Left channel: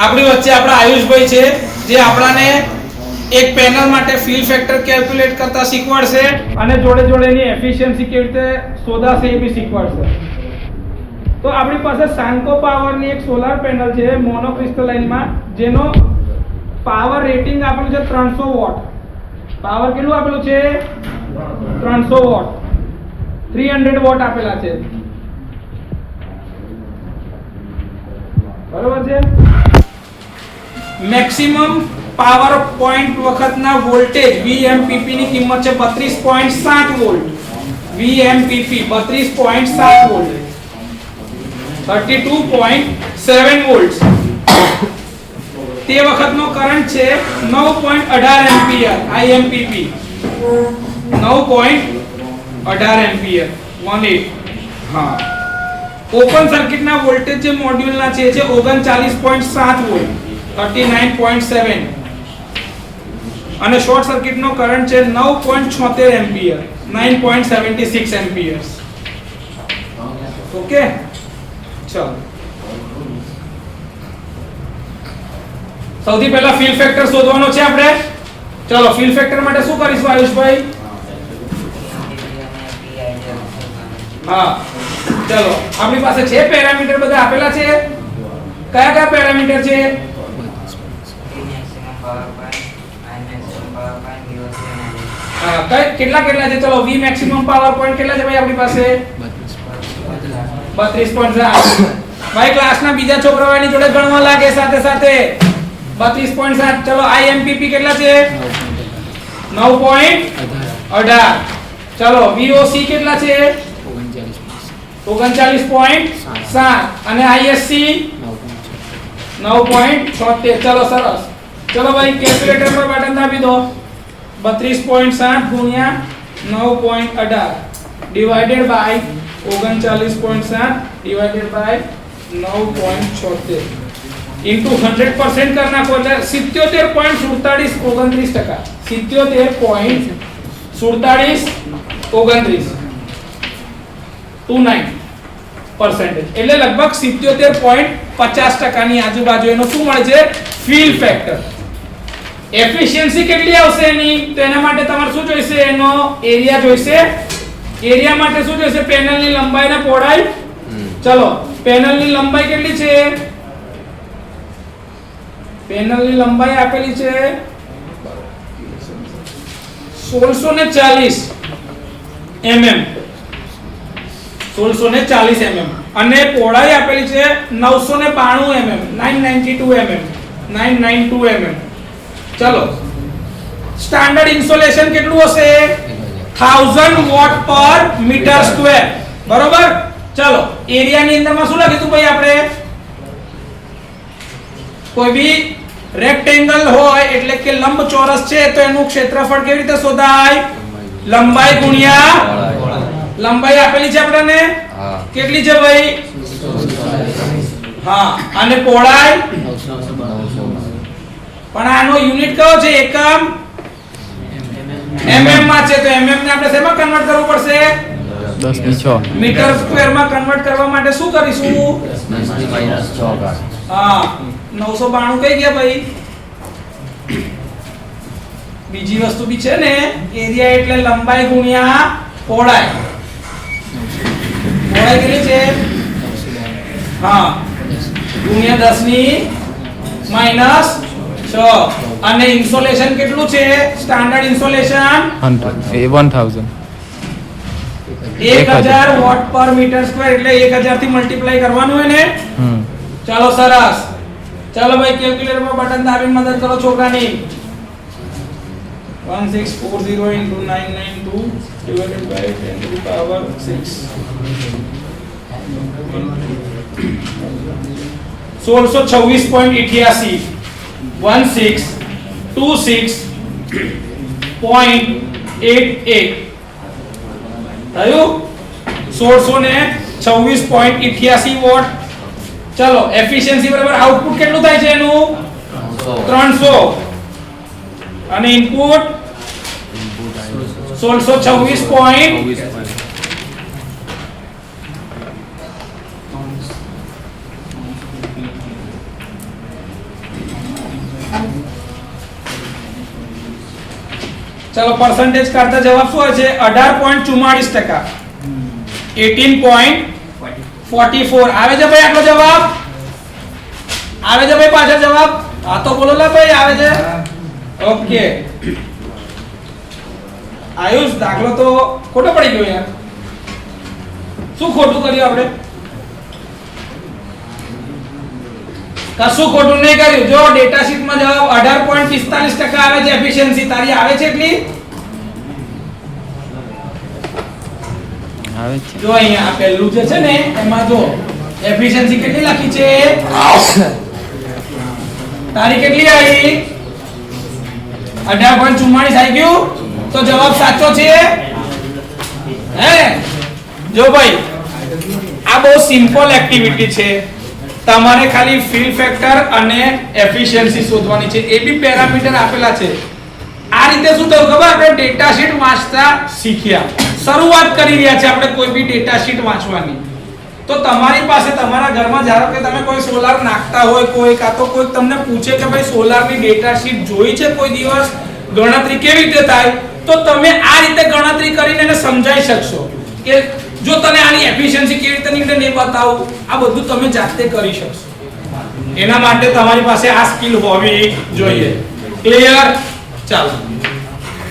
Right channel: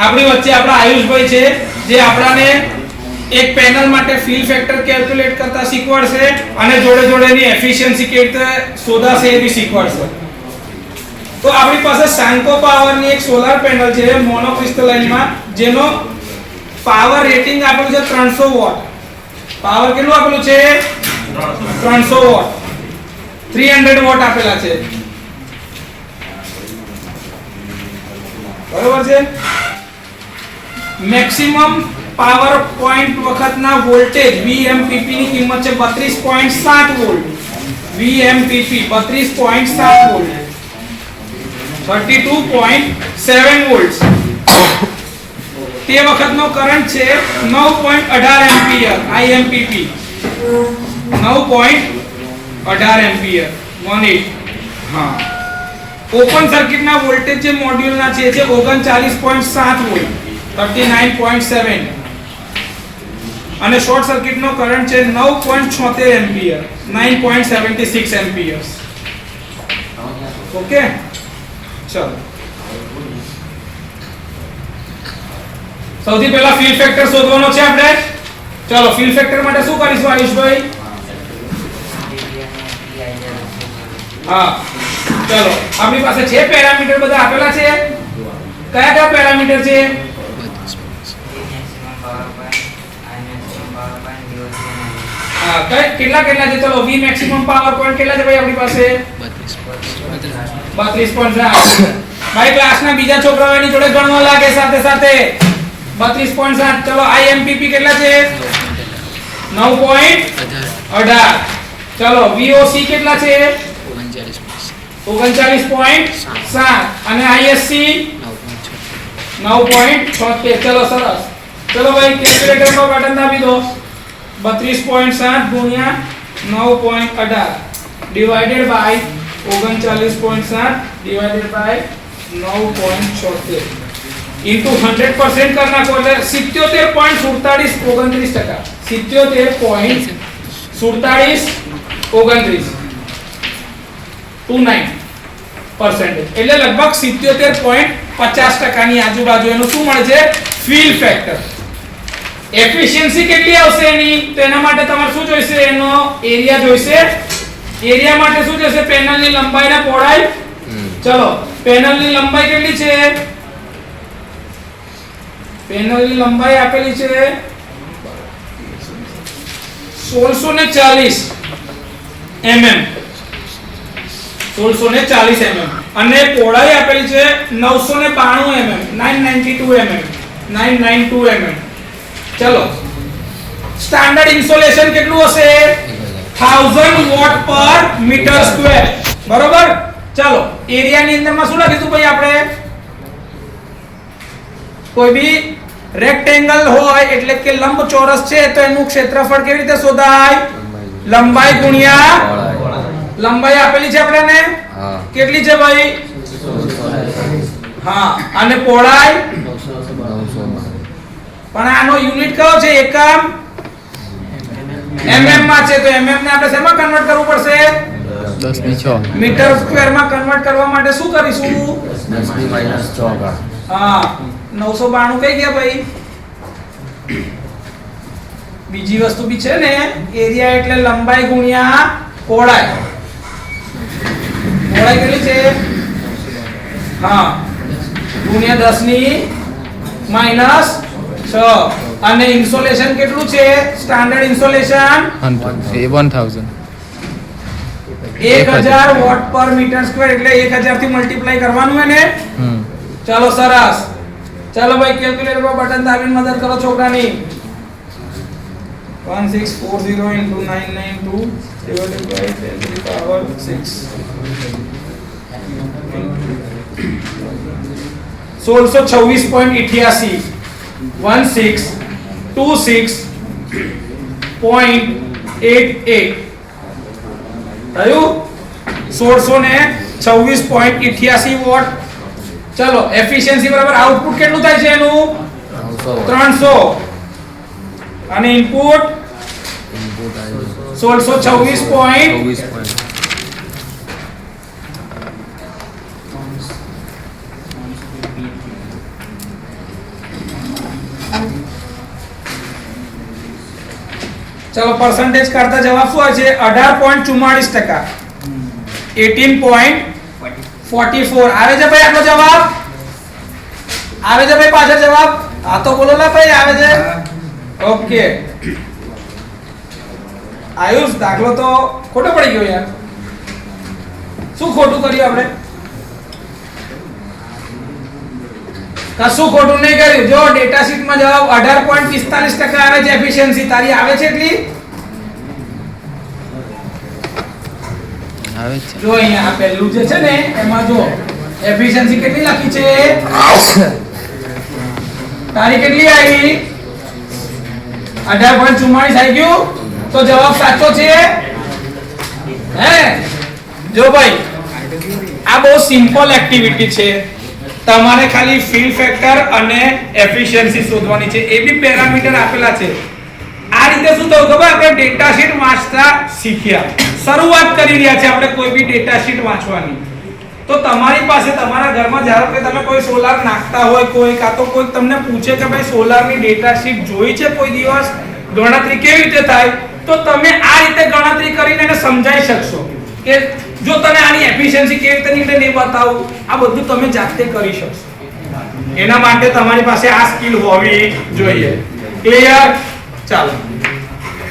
આપણી વચ્ચે આપણા આયુષભાઈ છે જે આપણાને એક પેનલ માટે ફિલ ફેક્ટર કેલ્ક્યુલેટ કરતા શીખવાડશે અને જોડે જોડે એની એફિશિયન્સી કેવી રીતે શોધાશે એ બી શીખવાડશે. તો આપણી પાસે સાન્કો પાવરની એક સોલાર પેનલ છે મોનોક્રિસ્ટલાઇનમાં જેનો પાવર રેટિંગ આપેલું છે 300 વોટ. પાવર કેટલું આપેલું છે 300 વોટ. 300 વોટ આપેલા છે. બરોબર છે. મેક્સિમમ પાવર પોઈન્ટ વખતના વોલ્ટેજ VMPP ની કિંમત છે 32.7 વોલ્ટ. VMPP 32.7 volt 32.7 volt. તે વખતનો કરંટ છે 9.18 એમ્પિયર. IMPP 9.18 ampere 18. હા. ઓપન સર્કિટના વોલ્ટેજ જે મોડ્યુલના છે 39.7 વોલ્ટ 39.7 અને શોર્ટ સર્કિટનો કરંટ છે 9.76 એમ્પિયર 9.76 એમ્પિયર્સ. ઓકે ચલો સૌથી પહેલા ફિલ ફેક્ટર શોધવાનો છે આપણે. ચલો ફિલ ફેક્ટર માટે શું કરીશું આયુષભાઈ? હા ચલો આપણી પાસે છે પેરામીટર બધા આપેલા છે. કયા કયા પેરામીટર છે? હા કેટલા કેટલા છે? ચલો V મેક્સિમમ પાવર પોઈન્ટ કેટલા છે ભાઈ આપણી પાસે? 32.7. ભાઈ ક્લાસના બીજા છોકરાઓની જોડે ગણવા લાગે સાથે સાથે 32.7. ચલો IMPP કેટલા છે? 9.18. ચલો VOC કેટલા છે? 39.7 અને ISC 9.76. ચલો સરસ. ચલો ભાઈ કેલ્ક્યુલેટર પર બટન દાબી દો. 32.7 ગુણ્યા 9.18 divided by 39.7 divided by 9.76 into 100% कर नाखो એટલે 77.4729%. 77.4729% એટલે લગભગ 77.50% ની આજુબાજુ એનો શું મળે છે? Fill factor. એફિશિયન્સી કેટલી આવશે એની? તો એના માટે તમારે શું જોઈશે? એનો એરિયા જોઈશે. એરિયા માટે શું જોઈશે? પેનલની લંબાઈ અને પહોળાઈ. ચલો પેનલની લંબાઈ કેટલી છે? પેનલની લંબાઈ આપેલી છે 1640 mm. 1640 mm અને પહોળાઈ આપેલી છે 992 mm. 992 mm. 992 mm. ચલો સ્ટાન્ડર્ડ ઇન્સોલેશન કેટલું હશે? 1000 વોટ પર મીટર સ્ક્વેર. બરોબર. ચલો એરિયાની અંદરમાં શું લખીશું ભાઈ આપણે? કોઈ બી રેક્ટેંગલ હોય એટલે કે લંબચોરસ છે તો એનું ક્ષેત્રફળ કેવી રીતે શોધાય? લંબાઈ ગુણ્યા લંબાઈ આપેલી છે આપણને કેટલી છે ભાઈ? હા અને પહોળાઈ પણ આનો યુનિટ કયો છે? એકમ mm માં છે. તો mm ને આપણે શેમાં કન્વર્ટ કરવું પડશે? 10/6 મીટર સ્ક્વેર માં કન્વર્ટ કરવા માટે શું કરીશું? 10 હા 992 કઈ ગયા ભાઈ? બીજી વસ્તુ બી છે ને એરિયા એટલે લંબાઈ ગુણ્યા પહોળાઈ. પહોળાઈ કેટલી છે? હા ગુણ્યા 10 ની -6 અને ઇન્સોલેશન કેટલું છે? સ્ટાન્ડર્ડ ઇન્સોલેશન 1000 1000 વોટ પર મીટર સ્ક્વેર એટલે 1000 થી મલ્ટીપ્લાય કરવાનું હોય ને. ચાલો સરસ. ચાલો ભાઈ કેલ્ક્યુલેટર પર બટન દાબીને મદદ કરો છોકરાની. 1640 into 992 divided by 10 to the power 6 1626.88 1626.88 થયું 1626.88 વોટ. ચલો એફિશિયન્સી બરાબર આઉટપુટ કેટલું થાય છે એનું? 300 અને ઇનપુટ 1626. ચલો પર્સન્ટેજ કરતા જવાબ શું આવે છે 18.44%. 18.44 આવે છે ભાઈ આટલો જવાબ? આવે છે ભાઈ પાછળ જવાબ? હા તો બોલો લા ભાઈ આવે છે? ઓકે. આયુષ દાખલો તો ખોટો પડી ગયો યાર. શું ખોટું કર્યું આપણે? કશું ખોટું નહીં કર્યું. જો ડેટા શીટ માં જવાબ 18.45% આવે છે એફિશિયન્સી. તારી આવે છે એટલી? આવે છે. જો અહીંયા આ પહેલું જે છે ને એમાં જો એફિશિયન્સી કેટલી લખી છે? તારી કેટલી આવી? 18.44 આવી ગયું. તો જવાબ સાચો છે. હે જો ભાઈ આ બહુ સિમ્પલ એક્ટિવિટી છે. તમારે ખાલી ફિલ ફેક્ટર અને એફિશિયન્સી શોધવાની છે. એ બી પેરામીટર આપેલા છે. આ રીતે શું થયું ખબર? આપણે ડેટા શીટ વાંચતા શીખ્યા. શરૂઆત કરી રહ્યા છે આપણે કોઈ બી ડેટા શીટ વાંચવાની. તો તમારી પાસે તમારા ઘરમાં ધારો કે તમે કોઈ સોલાર નાખતા હોય, કોઈ કાં તો કોઈ તમને પૂછે કે ભાઈ સોલારની ડેટા શીટ જોઈ છે કોઈ દિવસ, ગણતરી કેવી રીતે થાય, તો તમે આ રીતે ગણતરી કરીને એને સમજાઈ શકશો કે જો તને આની એફિશિયન્સી કેવી રીતે નીકળે ને બતાવું, આ બધું તમે જાતે કરી શકશો. એના માટે તમારી પાસે આ સ્કિલ હોવી જોઈએ. ક્લિયર? ચાલો.